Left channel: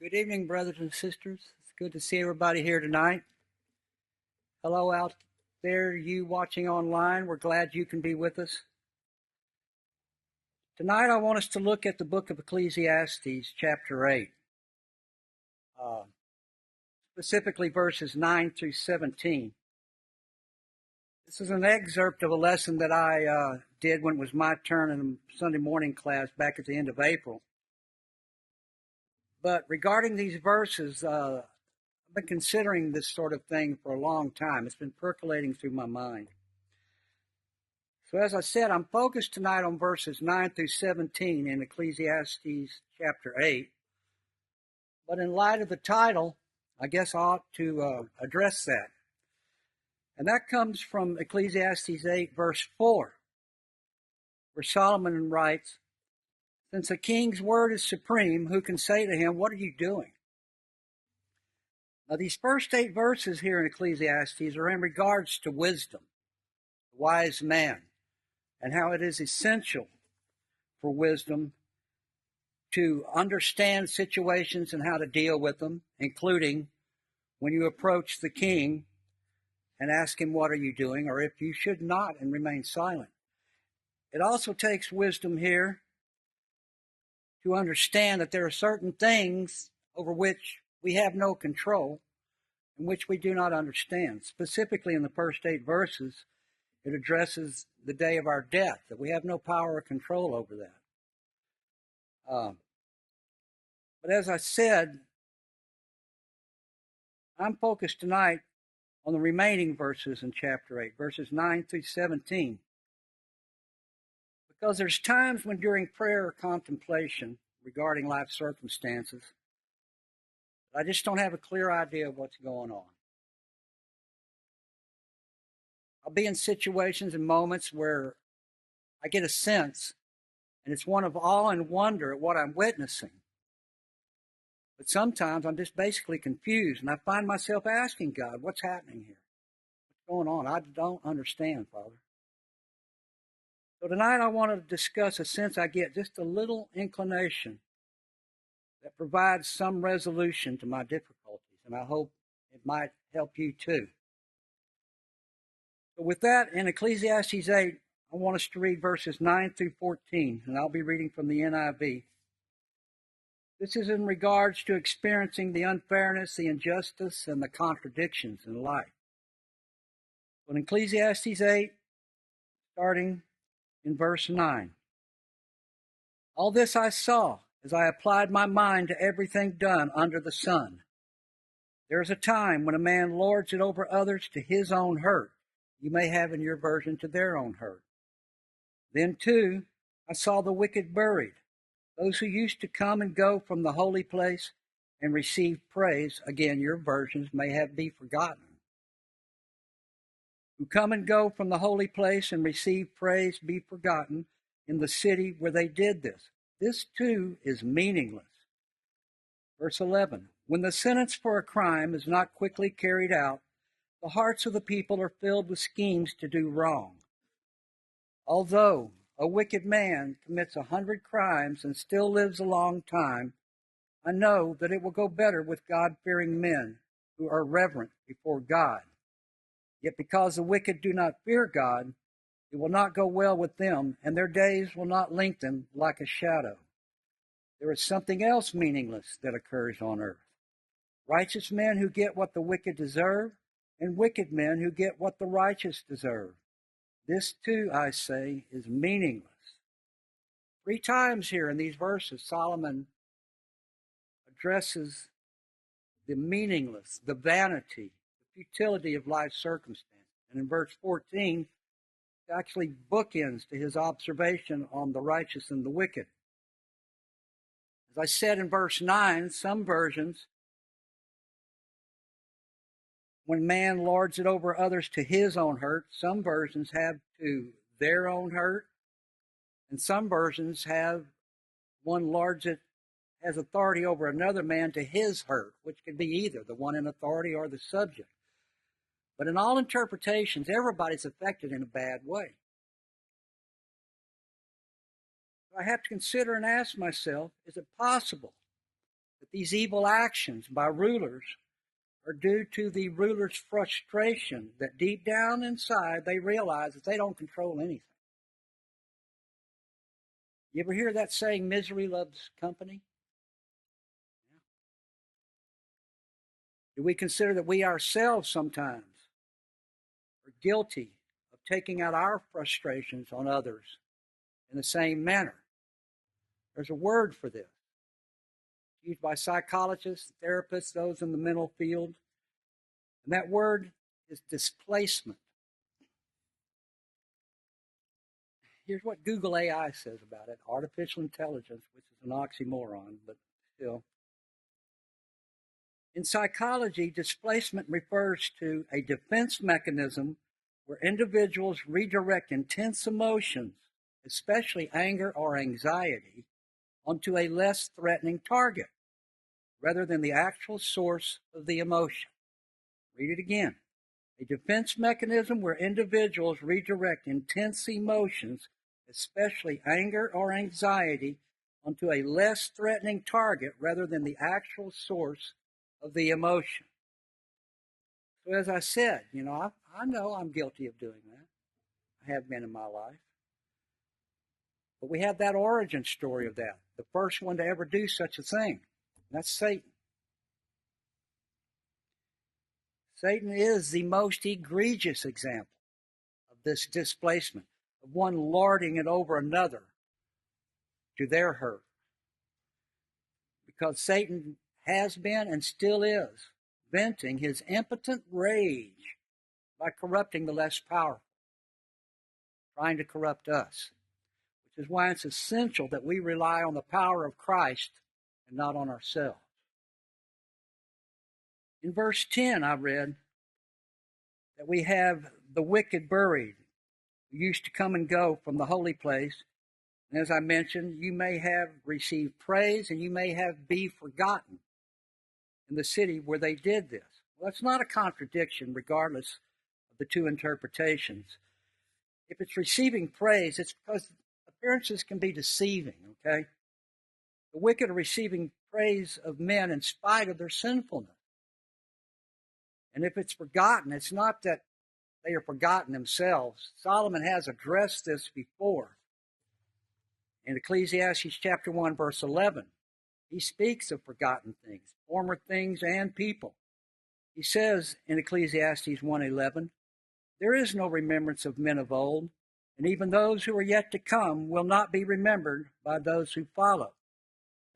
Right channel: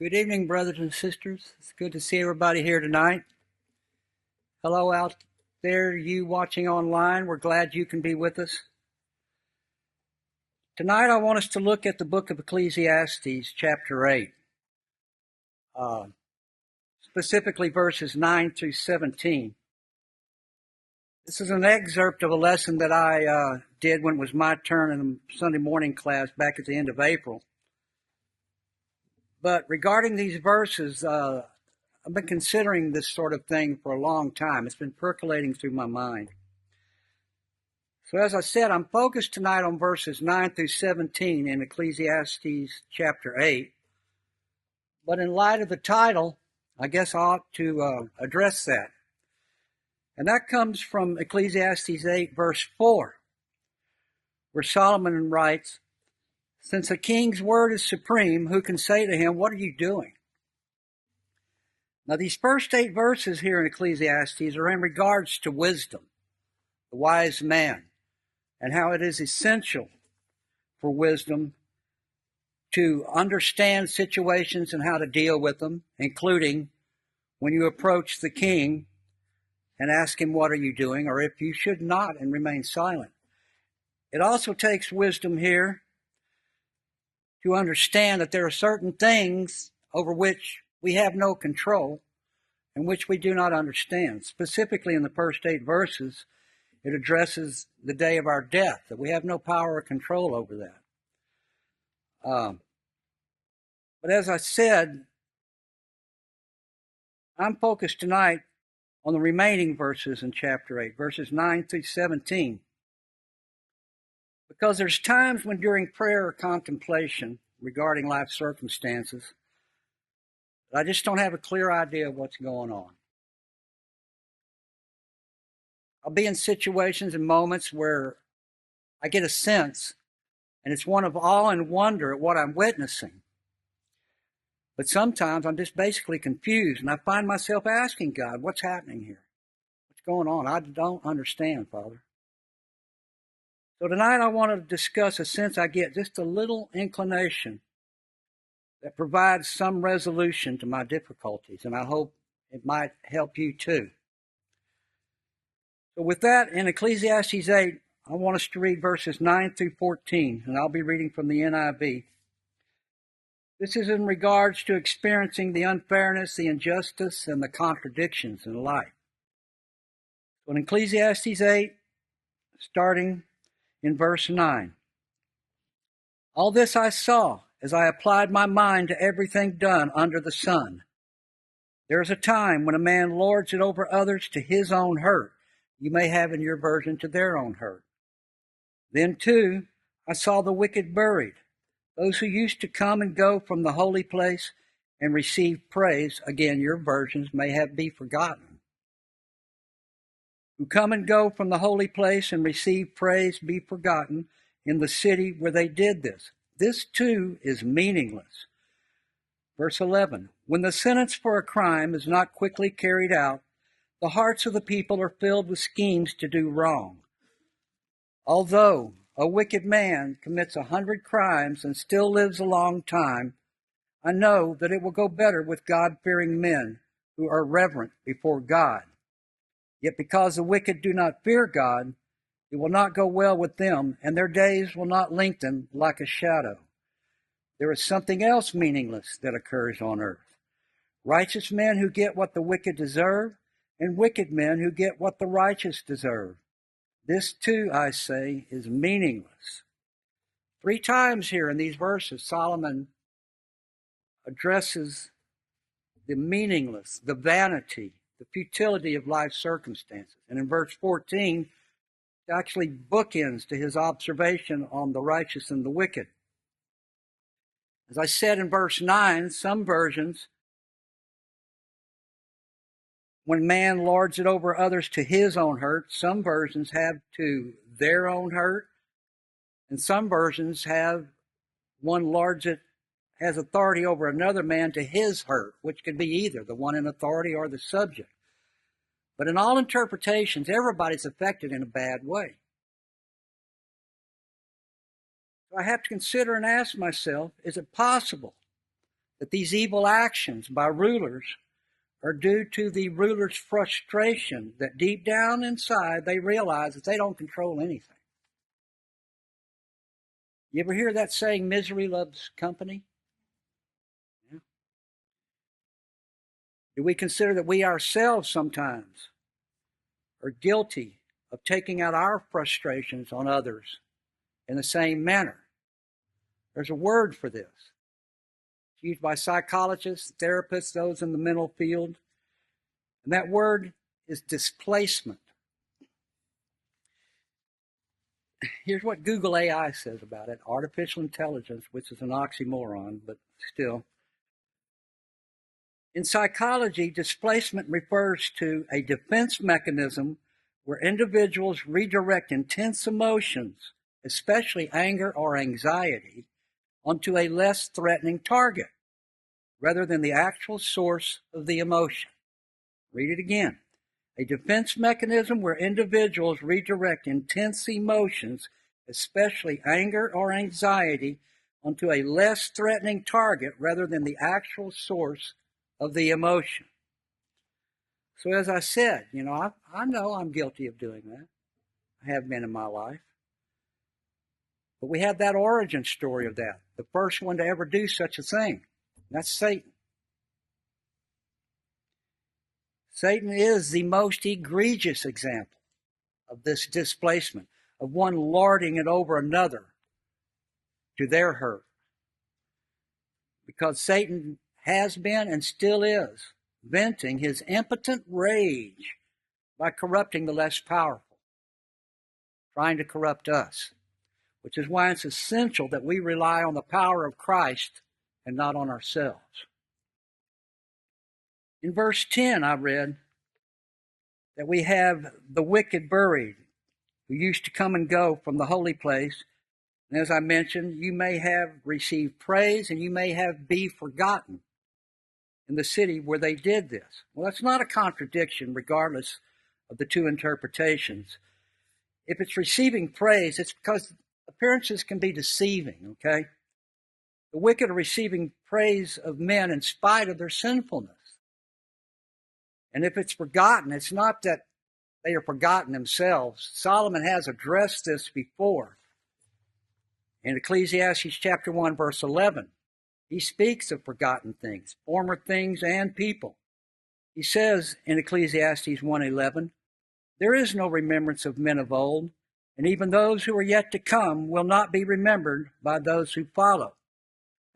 Good evening, brothers and sisters. It's good to see everybody here tonight. Hello out there, you watching online. We're glad you can be with us. Tonight, I want us to look at the book of Ecclesiastes, chapter 8, specifically verses 9 through 17. This is an excerpt of a lesson that I did when it was my turn in the Sunday morning class back at the end of April. But regarding these verses, I've been considering this sort of thing for a long time. It's been percolating through my mind. So as I said, I'm focused tonight on verses 9 through 17 in Ecclesiastes chapter 8. But in light of the title, I guess I ought to address that. And that comes from Ecclesiastes 8, verse 4, where Solomon writes, "Since a king's word is supreme, who can say to him, 'What are you doing?'" Now, these first 8 verses here in Ecclesiastes are in regards to wisdom, the wise man, and how it is essential for wisdom to understand situations and how to deal with them, including when you approach the king and ask him, "What are you doing?" or if you should not and remain silent. It also takes wisdom here to understand that there are certain things over which we have no control and which we do not understand. Specifically in the first 8 verses, it addresses the day of our death, that we have no power or control over that. But as I said, I'm focused tonight on the remaining verses in chapter 8, verses 9 through 17. Because there's times when during prayer or contemplation regarding life circumstances, I just don't have a clear idea of what's going on. I'll be in situations and moments where I get a sense, and it's one of awe and wonder at what I'm witnessing. But sometimes I'm just basically confused, and I find myself asking God, "What's happening here? What's going on? I don't understand, Father." So tonight I want to discuss a sense I get, just a little inclination that provides some resolution to my difficulties, and I hope it might help you too. So with that, in Ecclesiastes 8, I want us to read verses 9 through 14, and I'll be reading from the NIV. This is in regards to experiencing the unfairness, the injustice, and the contradictions in life. So in Ecclesiastes 8, starting in verse 9, "All this I saw as I applied my mind to everything done under the sun. There is a time when a man lords it over others to his own hurt." You may have in your version to their own hurt. "Then, too, I saw the wicked buried, those who used to come and go from the holy place and receive praise." Again, your versions may have "be forgotten." "Who come and go from the holy place and receive praise, be forgotten in the city where they did this. This, too, is meaningless." Verse 11, "When the sentence for a crime is not quickly carried out, the hearts of the people are filled with schemes to do wrong. Although a wicked man commits 100 crimes and still lives a long time, I know that it will go better with God-fearing men who are reverent before God. Yet because the wicked do not fear God, it will not go well with them, and their days will not lengthen like a shadow. There is something else meaningless that occurs on earth. Righteous men who get what the wicked deserve, and wicked men who get what the righteous deserve. This, too, I say, is meaningless." 3 times here in these verses, Solomon addresses the meaningless, the vanity, the futility of life circumstances. And in verse 14, it actually bookends to his observation on the righteous and the wicked. As I said in verse 9, some versions, "when man lords it over others to his own hurt," some versions have "to their own hurt," and some versions have "one lords it, has authority over another man to his hurt," which could be either the one in authority or the subject. But in all interpretations, everybody's affected in a bad way. So I have to consider and ask myself, is it possible that these evil actions by rulers are due to the ruler's frustration that deep down inside they realize that they don't control anything. You ever hear that saying, misery loves company? Yeah. Do we consider that we ourselves sometimes are guilty of taking out our frustrations on others in the same manner? There's a word for this. It's used by psychologists, therapists, those in the mental field. And that word is displacement. Here's what Google AI says about it. Artificial intelligence, which is an oxymoron, but still. In psychology, displacement refers to a defense mechanism where individuals redirect intense emotions, especially anger or anxiety, onto a less threatening target, rather than the actual source of the emotion. Read it again. A defense mechanism where individuals redirect intense emotions, especially anger or anxiety, onto a less threatening target rather than the actual source of the emotion. So as I said, I know I'm guilty of doing that. I have been in my life. But we have that origin story of that. The first one to ever do such a thing. That's Satan. Satan is the most egregious example of this displacement, of one lording it over another to their hurt. Because Satan has been and still is venting his impotent rage by corrupting the less powerful, trying to corrupt us, which is why it's essential that we rely on the power of Christ and not on ourselves. In verse 10, I read that we have the wicked buried, who used to come and go from the holy place. And as I mentioned, you may have received praise and you may have be forgotten in the city where they did this. Well, that's not a contradiction, regardless of the two interpretations. If it's receiving praise, it's because appearances can be deceiving, okay? The wicked are receiving praise of men in spite of their sinfulness. And if it's forgotten, it's not that they are forgotten themselves. Solomon has addressed this before. In Ecclesiastes chapter 1, verse 11, he speaks of forgotten things, former things and people. He says in Ecclesiastes 1:11, there is no remembrance of men of old, and even those who are yet to come will not be remembered by those who follow.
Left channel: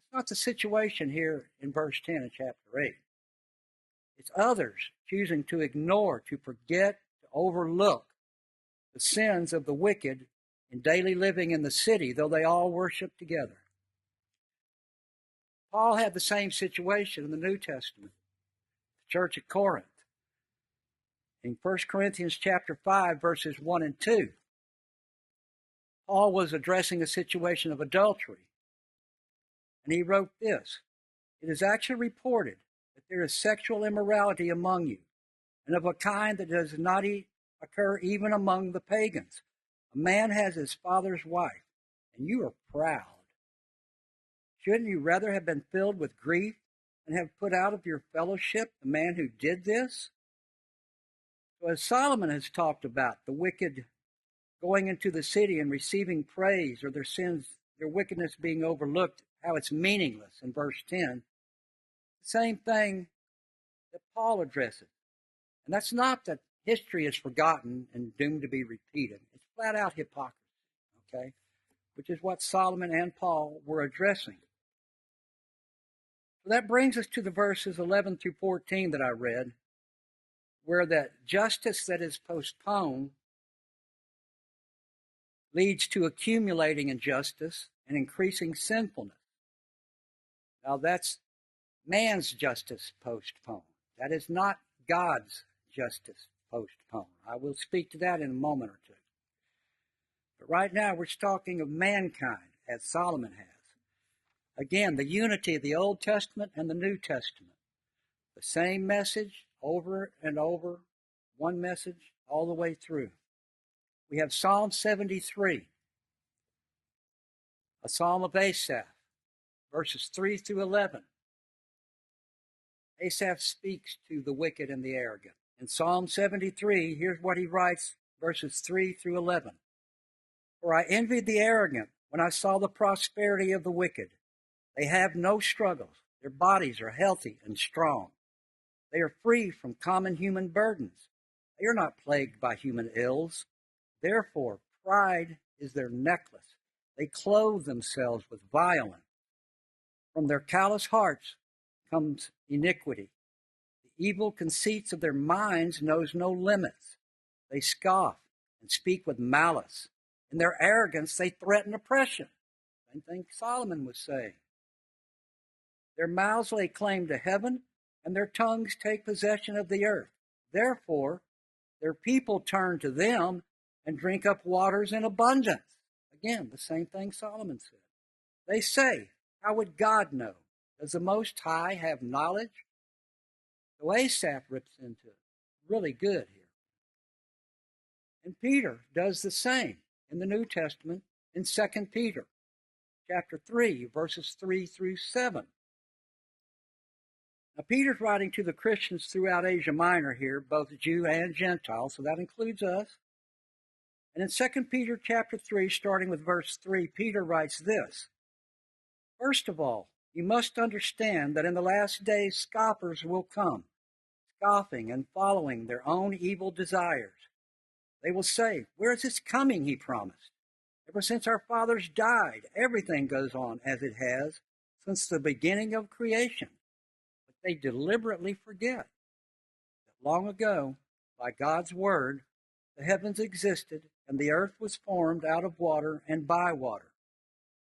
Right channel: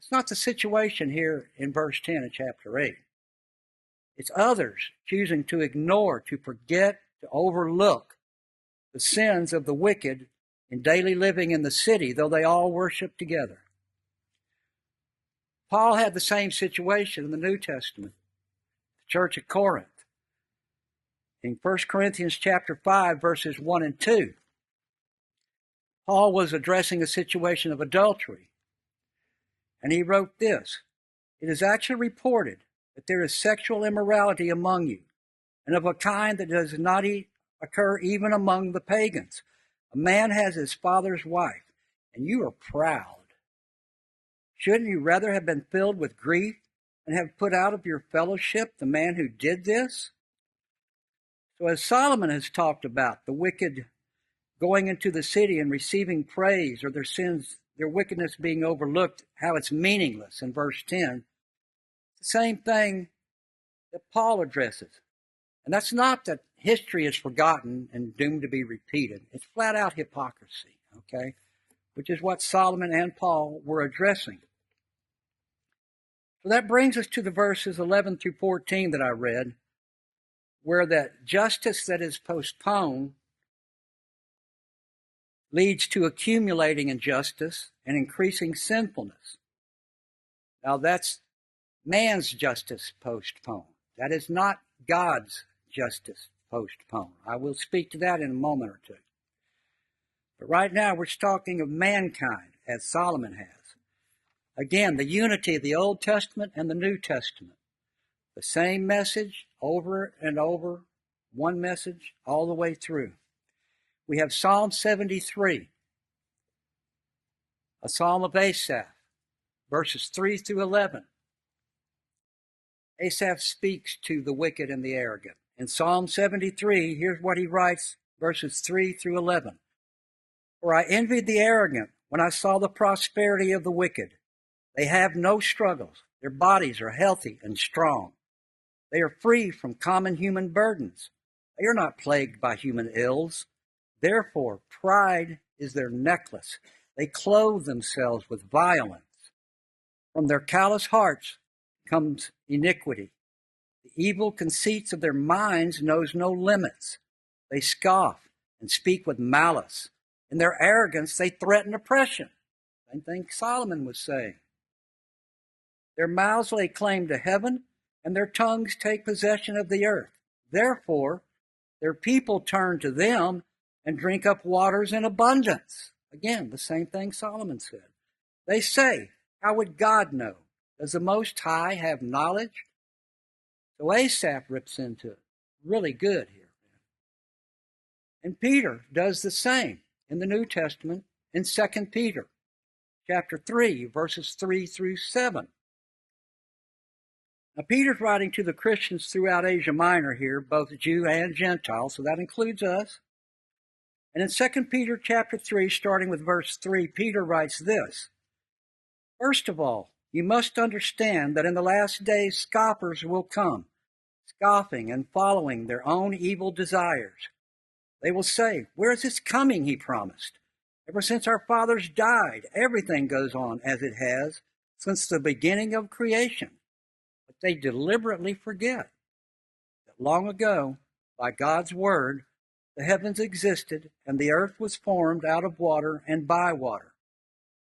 It's not the situation here in verse 10 of chapter 8. It's others choosing to ignore, to forget, to overlook the sins of the wicked in daily living in the city, though they all worship together. Paul had the same situation in the New Testament, the church at Corinth. In 1 Corinthians chapter 5, verses 1 and 2, Paul was addressing a situation of adultery, and he wrote this: it is actually reported that there is sexual immorality among you, and of a kind that does not occur even among the pagans. A man has his father's wife, and you are proud. Shouldn't you rather have been filled with grief and have put out of your fellowship the man who did this? So as Solomon has talked about, the wicked going into the city and receiving praise, or their sins, their wickedness being overlooked, how it's meaningless in verse 10, the same thing that Paul addresses. And that's not that history is forgotten and doomed to be repeated. It's flat out hypocrisy, okay? Which is what Solomon and Paul were addressing. So that brings us to the verses 11 through 14 that I read, where that justice that is postponed leads to accumulating injustice and increasing sinfulness. Now that's man's justice postponed. That is not God's justice postponed. I will speak to that in a moment or two. But right now we're talking of mankind, as Solomon has. Again, the unity of the Old Testament and the New Testament. The same message over and over, one message all the way through. We have Psalm 73, a psalm of Asaph, verses 3 through 11. Asaph speaks to the wicked and the arrogant. In Psalm 73, here's what he writes, verses 3 through 11. For I envied the arrogant when I saw the prosperity of the wicked. They have no struggles. Their bodies are healthy and strong. They are free from common human burdens. They are not plagued by human ills. Therefore, pride is their necklace. They clothe themselves with violence. From their callous hearts comes iniquity. The evil conceits of their minds knows no limits. They scoff and speak with malice. In their arrogance, they threaten oppression. Same thing Solomon was saying. Their mouths lay claim to heaven, and their tongues take possession of the earth. Therefore, their people turn to them and drink up waters in abundance. Again, the same thing Solomon said. They say, how would God know? Does the Most High have knowledge? So Asaph rips into it. Really good here. And Peter does the same in the New Testament in 2 Peter chapter 3, verses 3 through 7. Now, Peter's writing to the Christians throughout Asia Minor here, both Jew and Gentile, so that includes us. And in 2 Peter chapter 3, starting with verse 3, Peter writes this. First of all, you must understand that in the last days scoffers will come, scoffing and following their own evil desires. They will say, where is this coming he promised? Ever since our fathers died, everything goes on as it has since the beginning of creation. But they deliberately forget that long ago, by God's word, the heavens existed and the earth was formed out of water and by water.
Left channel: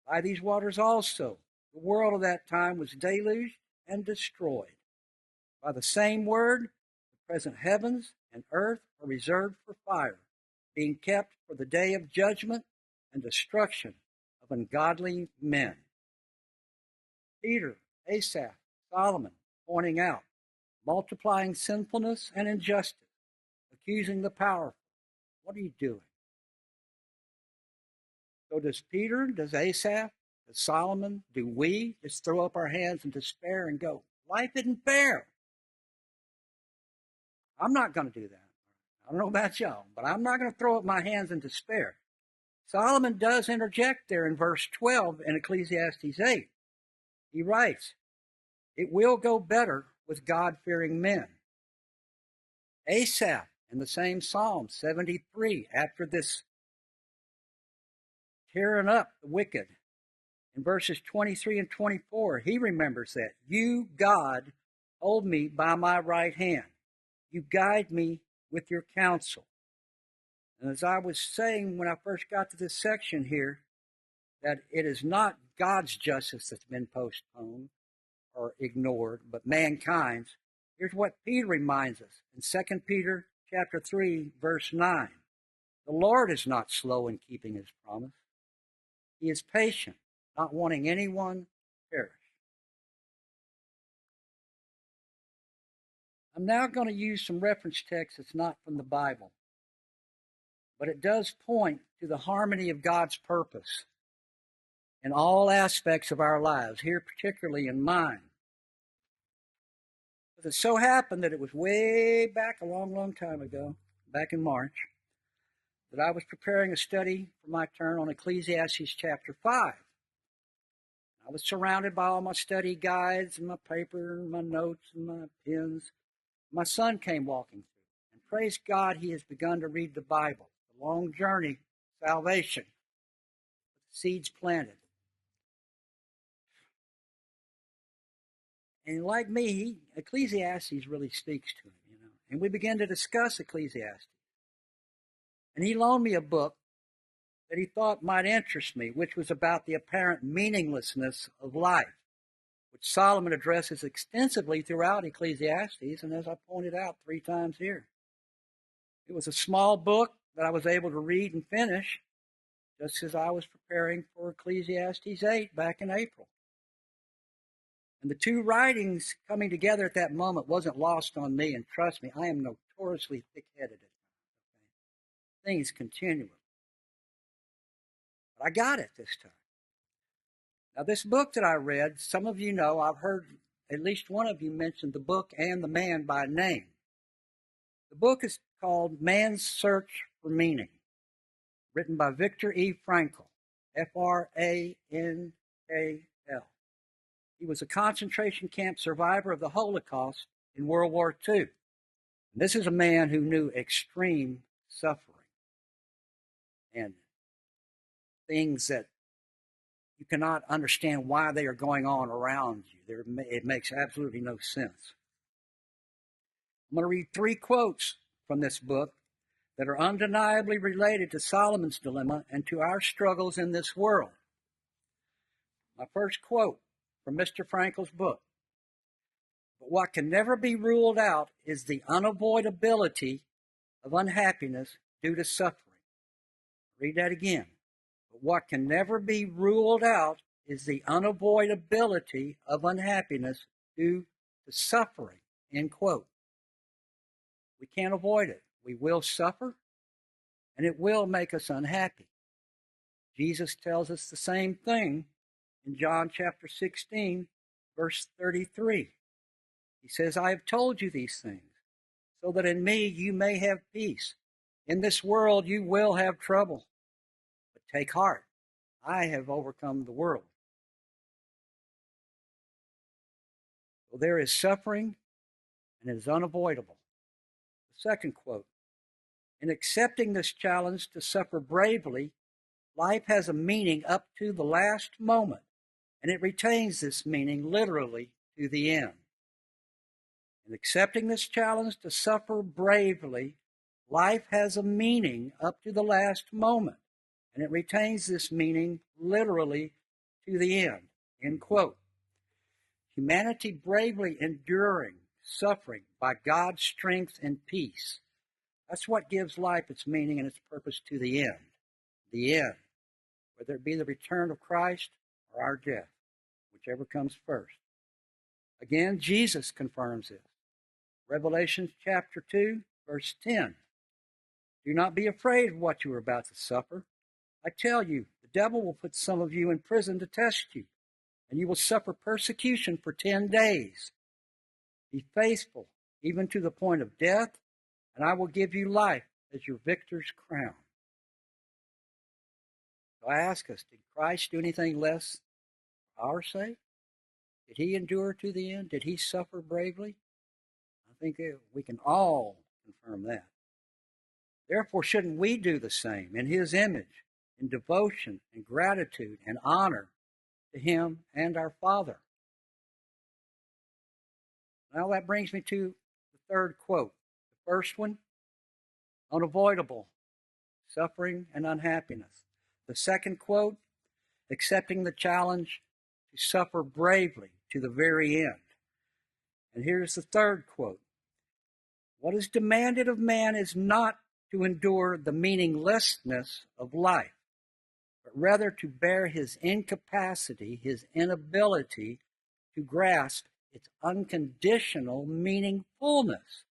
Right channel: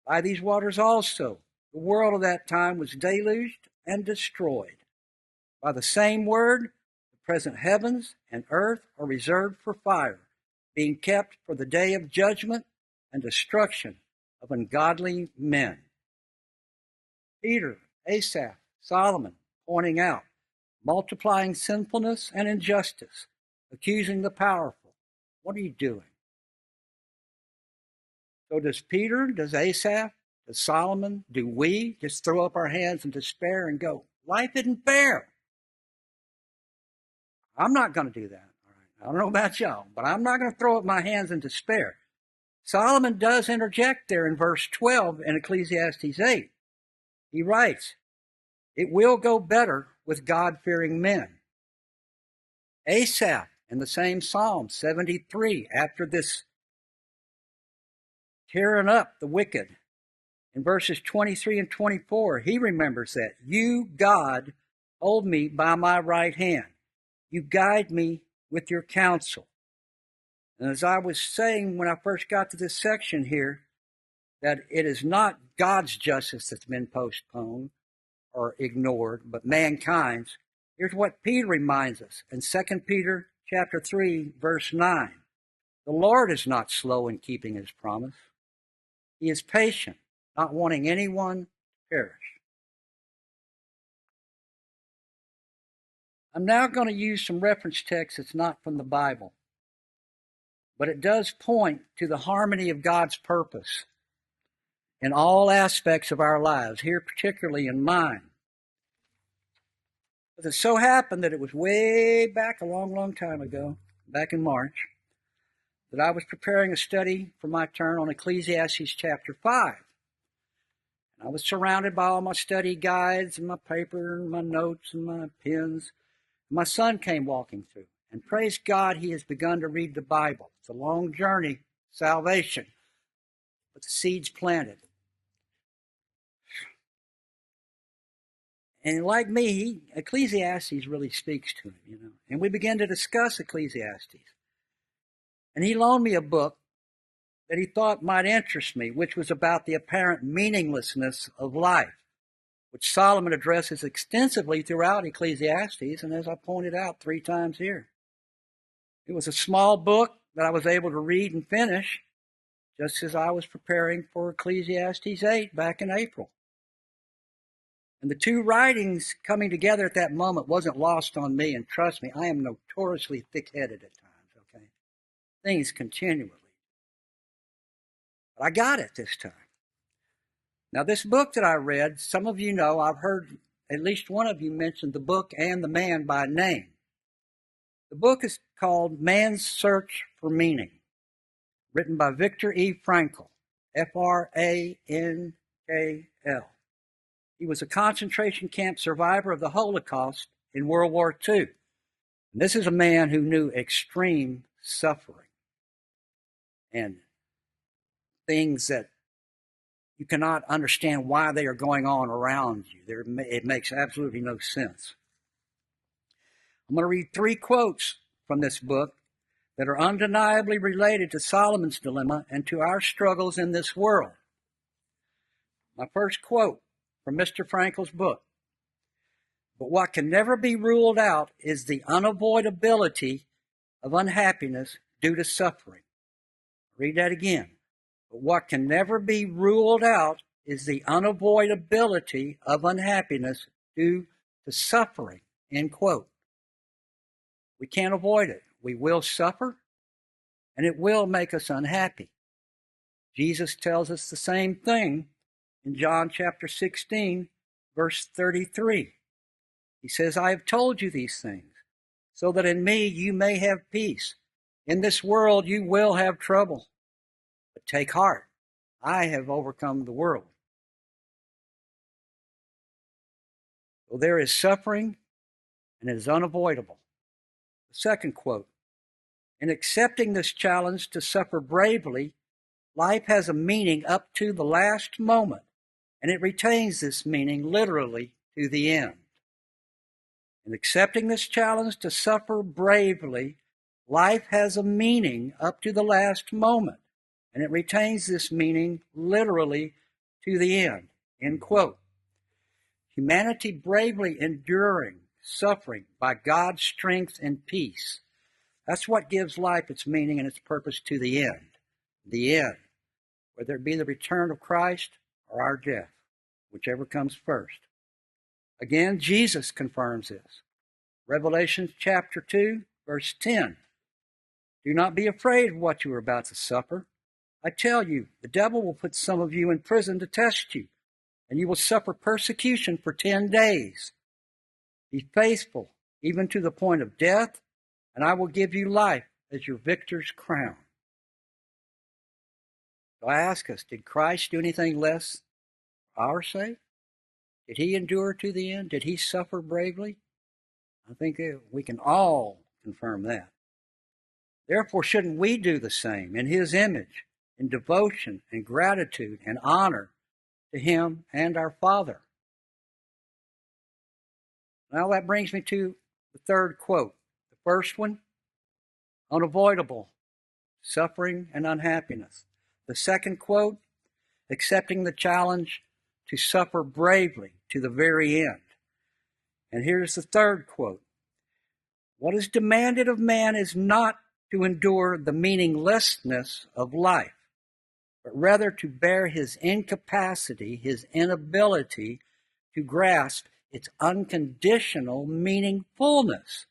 By these waters also, the world of that time was deluged and destroyed. By the same word, the present heavens and earth are reserved for fire, being kept for the day of judgment and destruction of ungodly men. Peter, Asaph, Solomon pointing out, multiplying sinfulness and injustice, accusing the powerful. What are you doing? So does Peter, does Asaph, does Solomon, do we just throw up our hands in despair and go, life isn't fair? I'm not going to do that. All right. I don't know about y'all, but I'm not going to throw up my hands in despair. Solomon does interject there in verse 12 in Ecclesiastes 8. He writes, it will go better with God-fearing men. Asaph, in the same Psalm 73, after this tearing up the wicked, in verses 23 and 24, he remembers that. You, God, hold me by my right hand. You guide me with your counsel. And as I was saying when I first got to this section here, that it is not God's justice that's been postponed or ignored, but mankind's. Here's what Peter reminds us in 2 Peter chapter 3, verse 9. The Lord is not slow in keeping his promise. He is patient, not wanting anyone to perish. I'm now going to use some reference text that's not from the Bible, but it does point to the harmony of God's purpose in all aspects of our lives, here particularly in mine. But it so happened that it was way back a long, long time ago, back in March, that I was preparing a study for my turn on Ecclesiastes chapter 5. And I was surrounded by all my study guides and my paper and my notes and my pens. My son came walking through, and praise God, he has begun to read the Bible. It's a long journey, salvation, but the seed's planted. And like me, Ecclesiastes really speaks to him, And we began to discuss Ecclesiastes. And he loaned me a book that he thought might interest me, which was about the apparent meaninglessness of life, which Solomon addresses extensively throughout Ecclesiastes, and as I pointed out 3 times here. It was a small book that I was able to read and finish just as I was preparing for Ecclesiastes 8 back in April. And the 2 writings coming together at that moment wasn't lost on me, and trust me, I am notoriously thick-headed at times, okay? Things continually. But I got it this time. Now, this book that I read, some of you know, I've heard at least one of you mentioned the book and the man by name. The book is called Man's Search for Meaning, written by Viktor E. Frankl, Frankl. He was a concentration camp survivor of the Holocaust in World War II. And this is a man who knew extreme suffering and things that you cannot understand why they are going on around you. It makes absolutely no sense. I'm going to read 3 quotes from this book that are undeniably related to Solomon's dilemma and to our struggles in this world. My first quote from Mr. Frankl's book: "But what can never be ruled out is the unavoidability of unhappiness due to suffering." Read that again. "But what can never be ruled out is the unavoidability of unhappiness due to suffering." End quote. We can't avoid it. We will suffer, and it will make us unhappy. Jesus tells us the same thing in John chapter 16, verse 33. He says, "I have told you these things, so that in me you may have peace. In this world you will have trouble. But take heart, I have overcome the world." So there is suffering, and it is unavoidable. The second quote: "In accepting this challenge to suffer bravely, life has a meaning up to the last moment, and it retains this meaning literally to the end." In accepting this challenge to suffer bravely, life has a meaning up to the last moment, and it retains this meaning literally to the end. End quote. Humanity bravely enduring suffering by God's strength and peace. That's what gives life its meaning and its purpose to the end. The end. Whether it be the return of Christ or our death, whichever comes first. Again, Jesus confirms this. Revelation chapter 2, verse 10. "Do not be afraid of what you are about to suffer. I tell you, the devil will put some of you in prison to test you, and you will suffer persecution for 10 days. Be faithful, even to the point of death, and I will give you life as your victor's crown." So I ask us, did Christ do anything less for our sake? Did he endure to the end? Did he suffer bravely? I think we can all confirm that. Therefore, shouldn't we do the same in his image, in devotion and gratitude and honor to him and our Father? Now that brings me to the third quote. The first one, unavoidable suffering and unhappiness. The second quote, accepting the challenge to suffer bravely to the very end. And here's the third quote. What is demanded of man is not to endure the meaninglessness of life, but rather to bear his incapacity, his inability to grasp its unconditional meaningfulness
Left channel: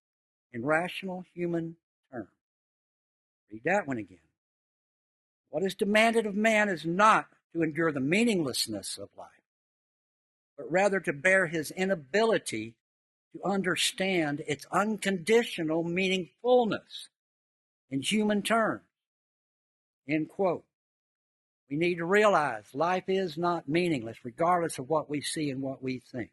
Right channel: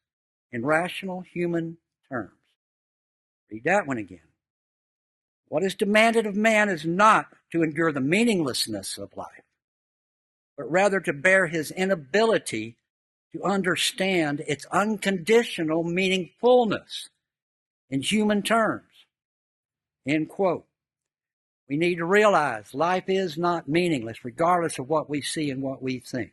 in rational human terms. Read that one again. What is demanded of man is not to endure the meaninglessness of life, but rather to bear his inability to understand its unconditional meaningfulness in human terms. End quote. We need to realize life is not meaningless, regardless of what we see and what we think.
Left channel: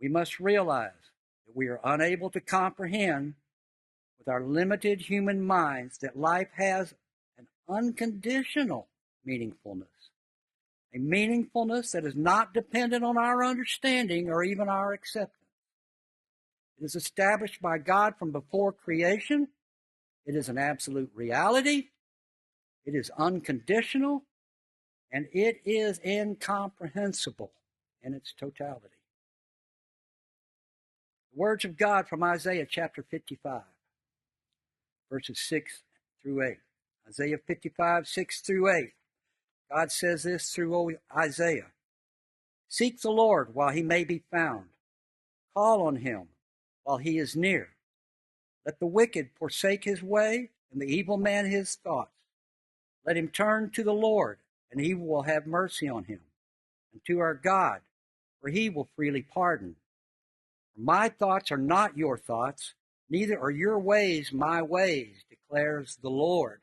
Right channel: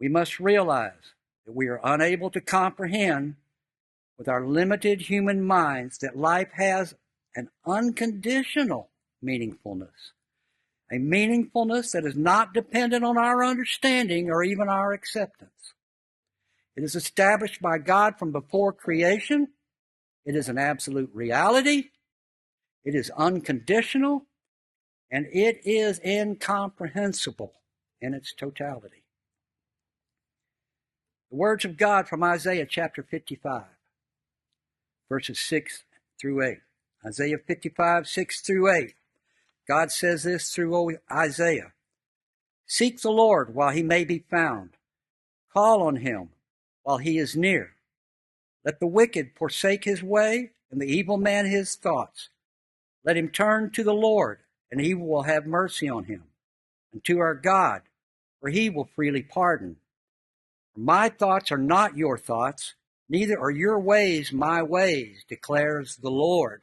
We must realize that we are unable to comprehend with our limited human minds that life has an unconditional meaningfulness, a meaningfulness that is not dependent on our understanding or even our acceptance. It is established by God from before creation. It is an absolute reality. It is unconditional, and it is incomprehensible in its totality. The words of God from Isaiah chapter 55, verses 6 through 8. Isaiah 55, 6 through 8. God says this through Isaiah. "Seek the Lord while he may be found. Call on him while he is near. Let the wicked forsake his way, and the evil man his thoughts. Let him turn to the Lord, and he will have mercy on him, and to our God, for he will freely pardon. For my thoughts are not your thoughts, neither are your ways my ways, declares the Lord.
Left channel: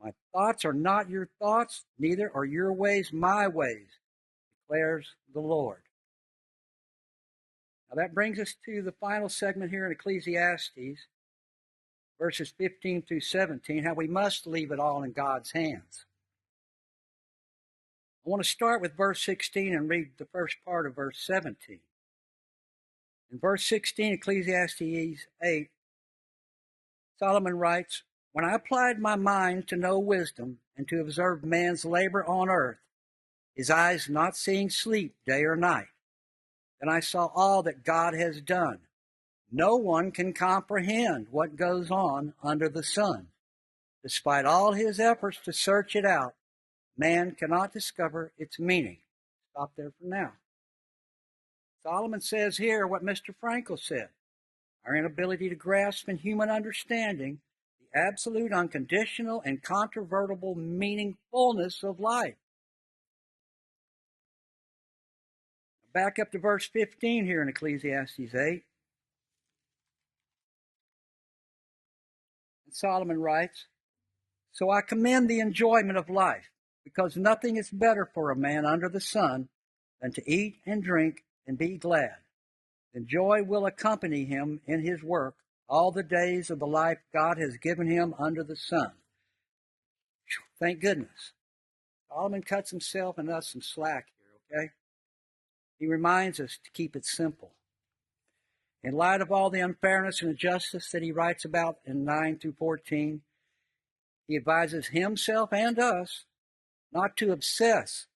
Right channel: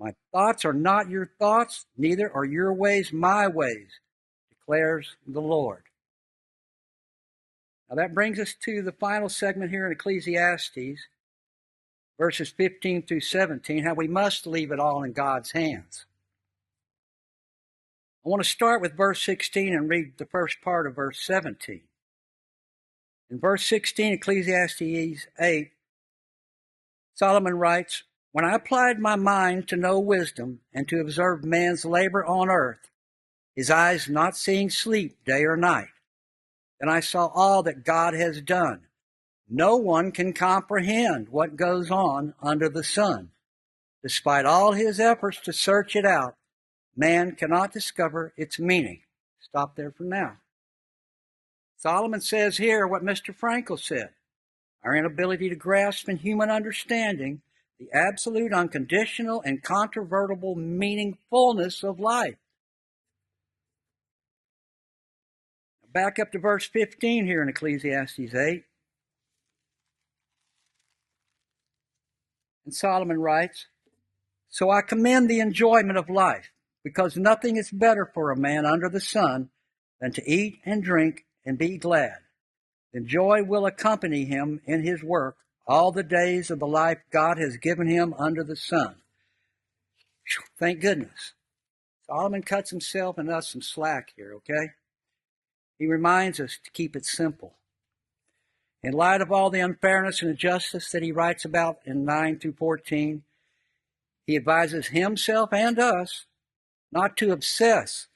My thoughts are not your thoughts, neither are your ways my ways, declares the Lord. Now that brings us to the final segment here in Ecclesiastes, verses 15 through 17, how we must leave it all in God's hands. I want to start with verse 16 and read the first part of verse 17. In verse 16, Ecclesiastes 8, Solomon writes, "When I applied my mind to know wisdom and to observe man's labor on earth, his eyes not seeing sleep day or night, then I saw all that God has done. No one can comprehend what goes on under the sun. Despite all his efforts to search it out, man cannot discover its meaning." Stop there for now. Solomon says here what Mr. Frankel said: our inability to grasp in human understanding the absolute, unconditional, and controvertible meaningfulness of life. Back up to verse 15 here in Ecclesiastes 8. And Solomon writes, "So I commend the enjoyment of life, because nothing is better for a man under the sun than to eat and drink and be glad. Then joy will accompany him in his work all the days of the life God has given him under the sun." Thank goodness. Solomon cuts himself and us some slack here, okay? He reminds us to keep it simple. In light of all the unfairness and injustice that he writes about in 9 through 14, he advises himself and us not to obsess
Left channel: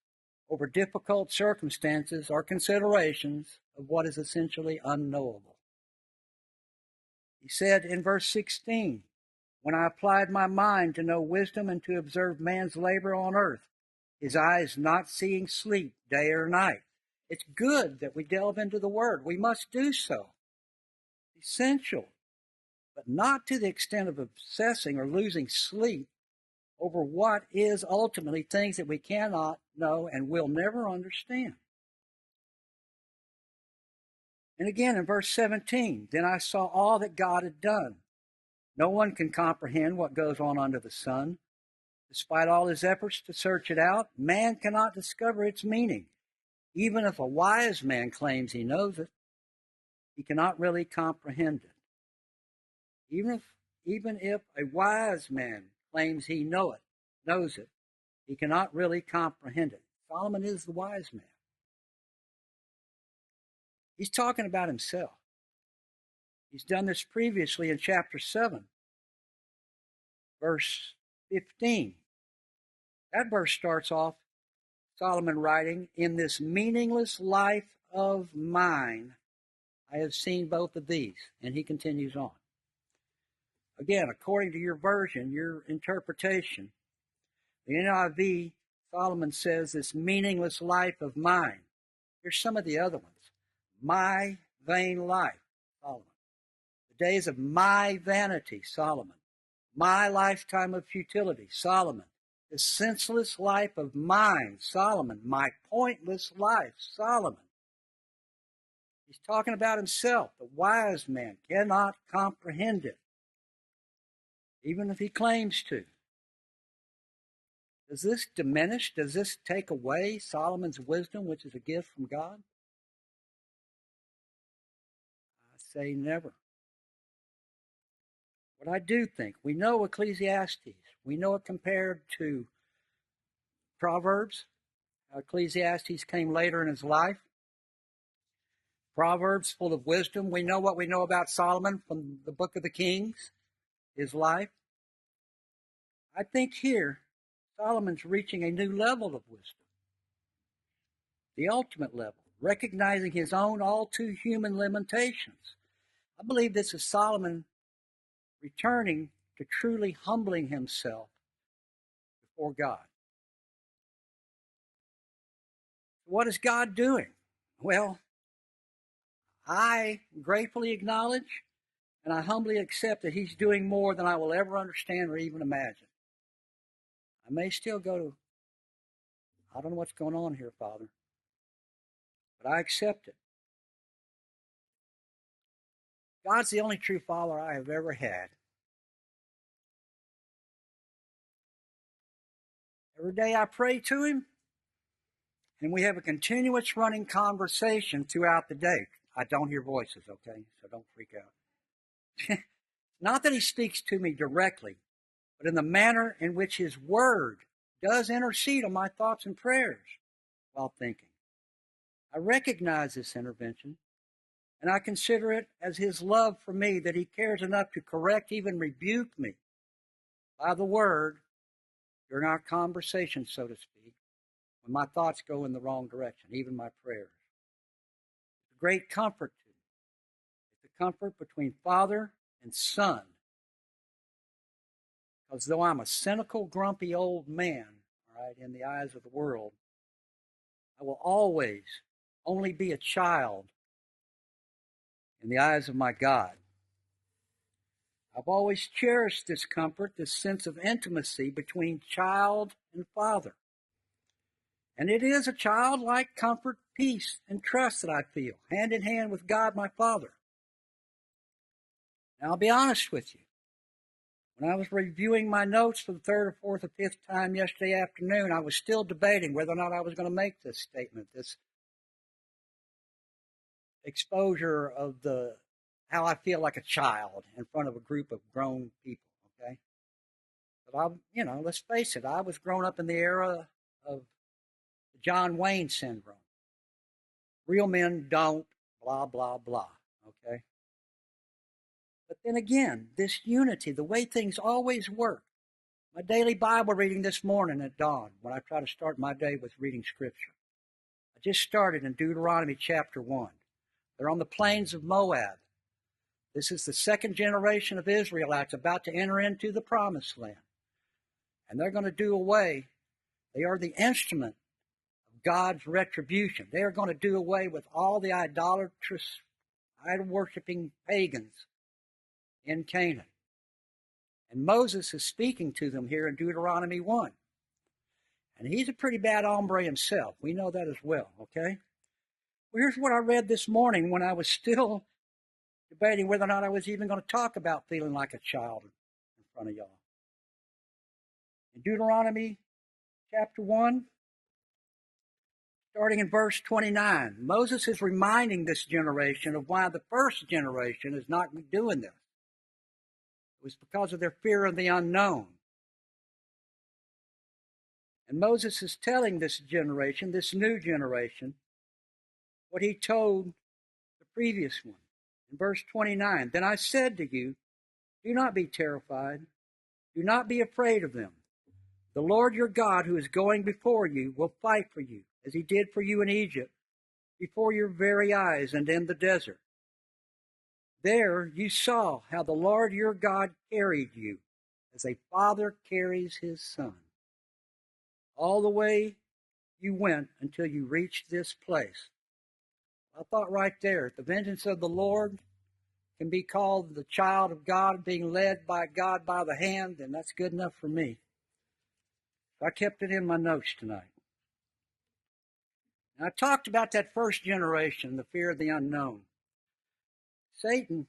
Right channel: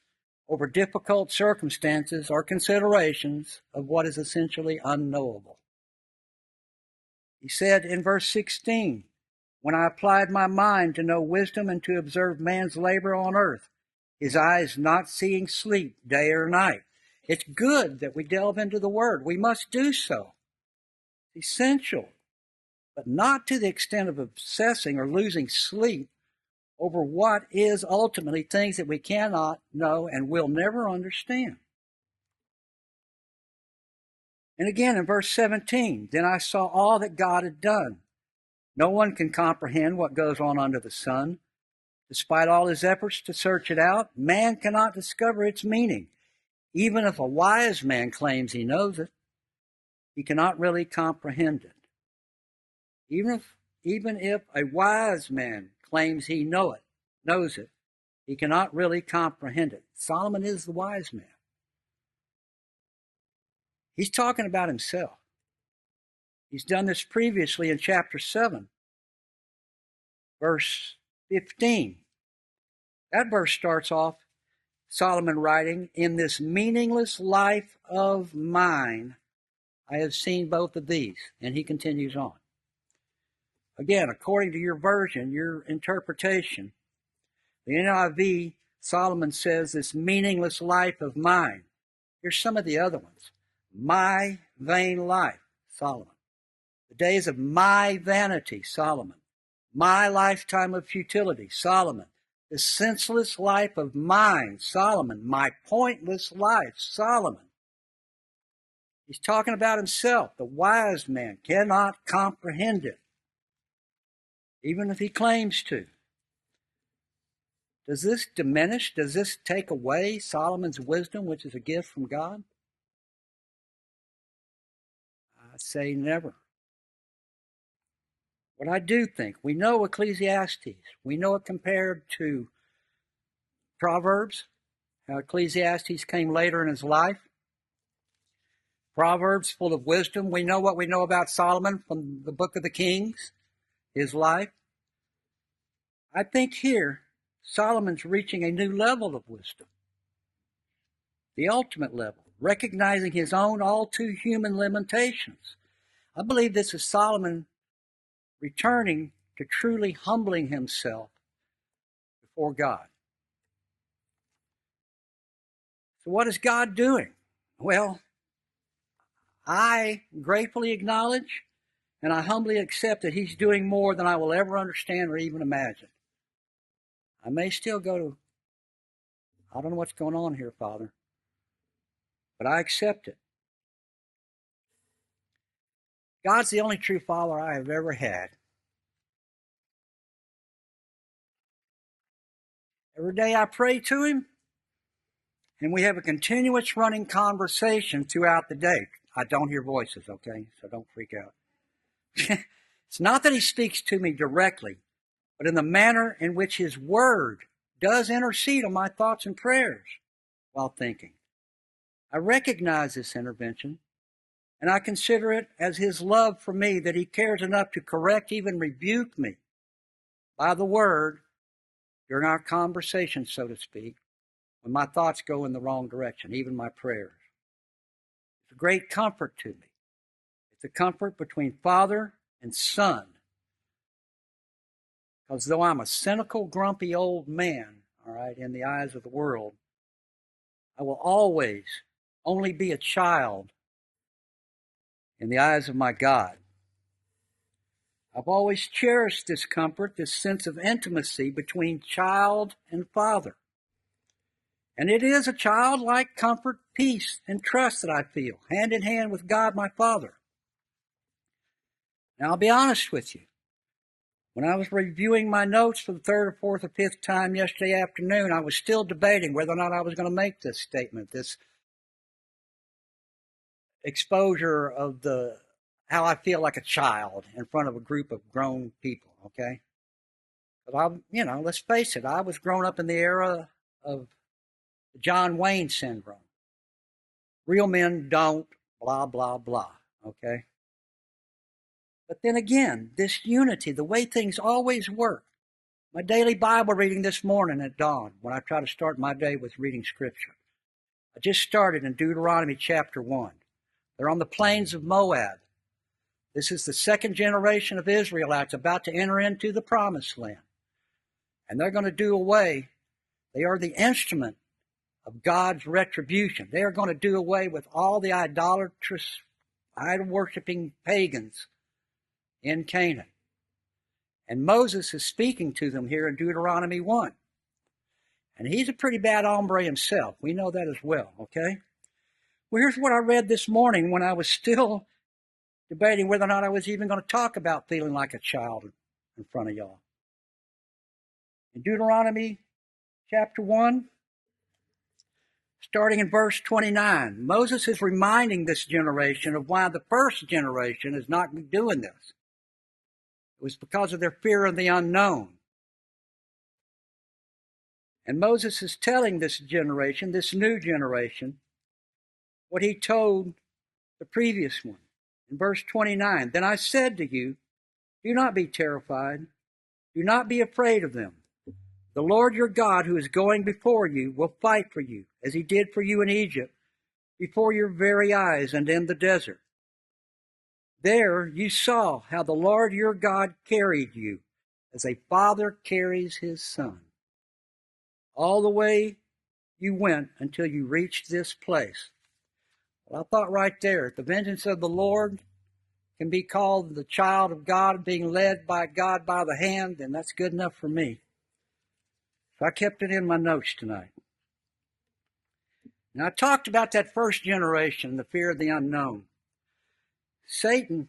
over difficult circumstances or considerations of what is essentially unknowable. He said in verse 16, "When I applied my mind to know wisdom and to observe man's labor on earth, his eyes not seeing sleep day or night." It's good that we delve into the Word. We must do so. It's essential, but not to the extent of obsessing or losing sleep over what is ultimately things that we cannot know and will never understand. And again in verse 17, "Then I saw all that God had done. No one can comprehend what goes on under the sun. Despite all his efforts to search it out, man cannot discover its meaning. Even if a wise man claims he knows it, he cannot really comprehend it." Even if a wise man claims he knows it, he cannot really comprehend it. Solomon is the wise man. He's talking about himself. He's done this previously in chapter 7, verse 15. That verse starts off Solomon writing, "In this meaningless life of mine, I have seen both of these." And he continues on. Again, according to your version, your interpretation, the NIV, Solomon says, "This meaningless life of mine." Here's some of the other ones. "My vain life," Solomon. "The days of my vanity," Solomon. "My lifetime of futility," Solomon. "The senseless life of mine," Solomon. "My pointless life," Solomon. He's talking about himself. The wise man cannot comprehend it, even if he claims to. Does this diminish, does this take away Solomon's wisdom, which is a gift from God? I say never. What I do think, we know Ecclesiastes. We know it compared to Proverbs, how Ecclesiastes came later in his life. Proverbs full of wisdom. We know what we know about Solomon from the book of the Kings, his life. I think here, Solomon's reaching a new level of wisdom, the ultimate level, recognizing his own all too human limitations. I believe this is Solomon returning to truly humbling himself before God. So what is God doing? Well, I gratefully acknowledge and I humbly accept that he's doing more than I will ever understand or even imagine. I may still go to, I don't know what's going on here, Father. but I accept it. God's the only true Father I have ever had. Every day I pray to Him, and we have a continuous running conversation throughout the day. I don't hear voices, okay? So don't freak out. It's not that He speaks to me directly, but in the manner in which His Word does intercede on my thoughts and prayers while thinking. I recognize this intervention, and I consider it as His love for me, that He cares enough to correct, even rebuke me by the Word during our conversation, so to speak, when my thoughts go in the wrong direction, even my prayers. It's a great comfort to me. It's a comfort between Father and Son. Because though I'm a cynical, grumpy old man, all right, in the eyes of the world, I will always only be a child in the eyes of my God. I've always cherished this comfort, this sense of intimacy between child and Father. And it is a childlike comfort, peace, and trust that I feel, hand in hand with God my Father. Now, I'll be honest with you. When I was reviewing my notes for the third or fourth or fifth time yesterday afternoon, I was still debating whether or not I was going to make this statement, this exposure of how I feel like a child in front of a group of grown people, okay? But let's face it, I was grown up in the era of the John Wayne syndrome. Real men don't, blah, blah, blah, okay? But then again, this unity, the way things always work. My daily Bible reading this morning at dawn, when I try to start my day with reading Scripture. I just started in Deuteronomy chapter 1. They're on the plains of Moab. This is the second generation of Israelites about to enter into the promised land. And they're going to do away. They are the instrument of God's retribution. They are going to do away with all the idolatrous, idol-worshiping pagans in Canaan. And Moses is speaking to them here in Deuteronomy 1. And he's a pretty bad hombre himself. We know that as well, okay? Well, here's what I read this morning when I was still debating whether or not I was even going to talk about feeling like a child in front of y'all. In Deuteronomy chapter 1, starting in verse 29, Moses is reminding this generation of why the first generation is not doing this. It was because of their fear of the unknown. And Moses is telling this generation, this new generation, what he told the previous one. In verse 29, then I said to you, do not be terrified. Do not be afraid of them. The Lord your God, who is going before you, will fight for you, as he did for you in Egypt, before your very eyes and in the desert. There you saw how the Lord your God carried you, as a father carries his son, all the way you went until you reached this place. Well, I thought right there, the vengeance of the Lord can be called the child of God being led by God by the hand, and that's good enough for me. So I kept it in my notes tonight. Now, I talked about that first generation, the fear of the unknown. Satan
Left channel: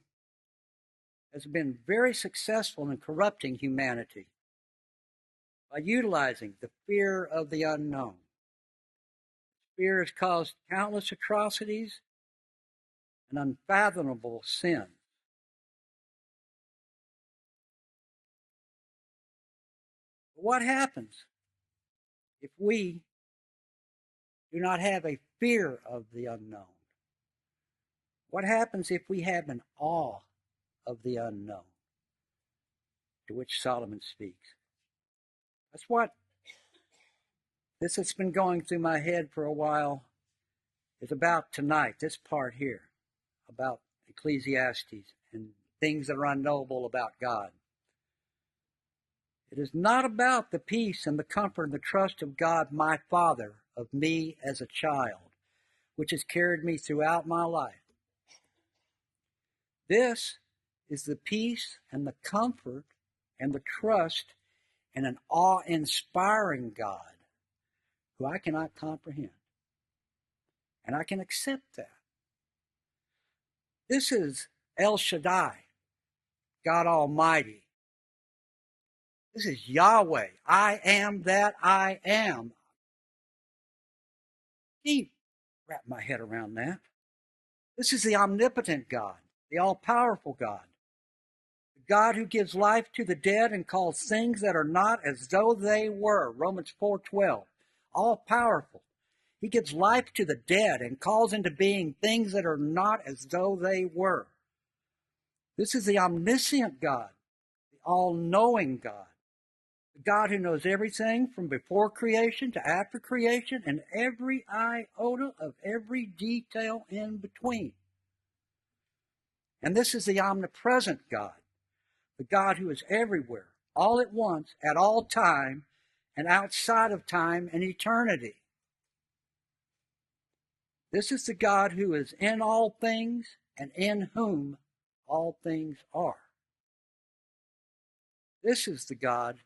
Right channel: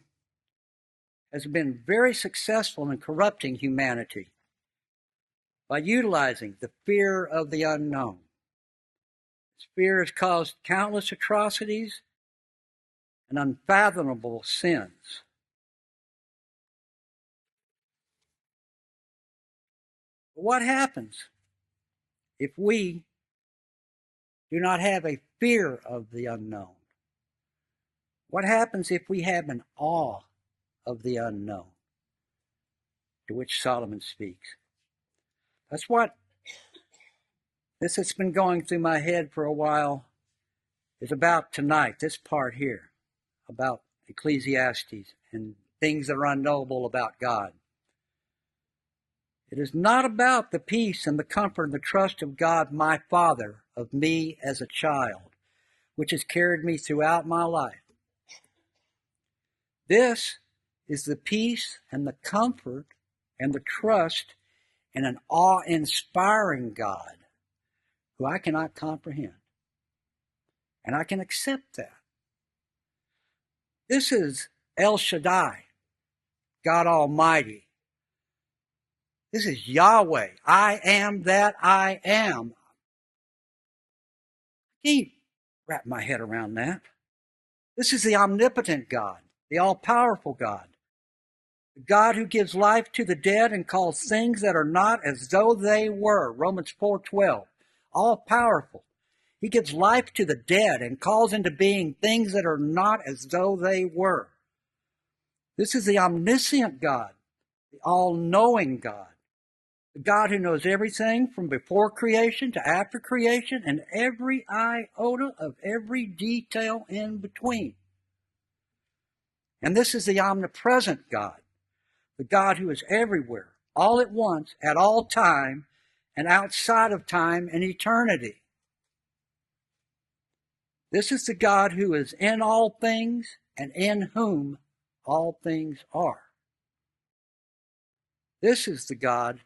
has been very successful in corrupting humanity by utilizing the fear of the unknown. This fear has caused countless atrocities and unfathomable sins. But what happens if we do not have a fear of the unknown? What happens if we have an awe of the unknown, to which Solomon speaks? That's what this has been going through my head for a while is about tonight, this part here, about Ecclesiastes and things that are unknowable about God. It is not about the peace and the comfort and the trust of God, my Father, of me as a child, which has carried me throughout my life. This is the peace and the comfort and the trust in an awe-inspiring God who I cannot comprehend. and I can accept that. This is El Shaddai, God Almighty. This is Yahweh. I am that I am. I can't wrap my head around that. This is the omnipotent God, the all-powerful God, the God who gives life to the dead and calls things that are not as though they were. Romans 4:12. All-powerful. He gives life to the dead and calls into being things that are not as though they were. This is the omniscient God, the all-knowing God, the God who knows everything from before creation to after creation and every iota of every detail in between. And this is the omnipresent God, the God who is everywhere, all at once, at all time, and outside of time and eternity. This is the God who is in all things and in whom all things are. This is the God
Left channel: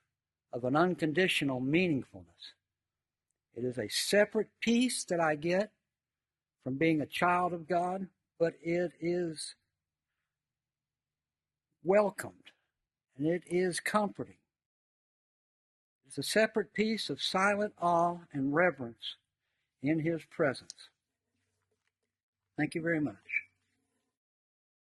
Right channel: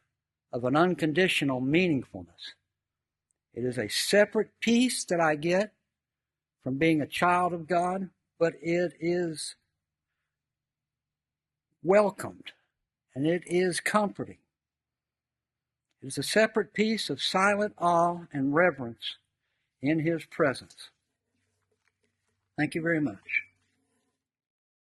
of an unconditional meaningfulness. It is a separate peace that I get from being a child of God, but it is welcomed and it is comforting. It is a separate peace of silent awe and reverence in His presence. Thank you very much.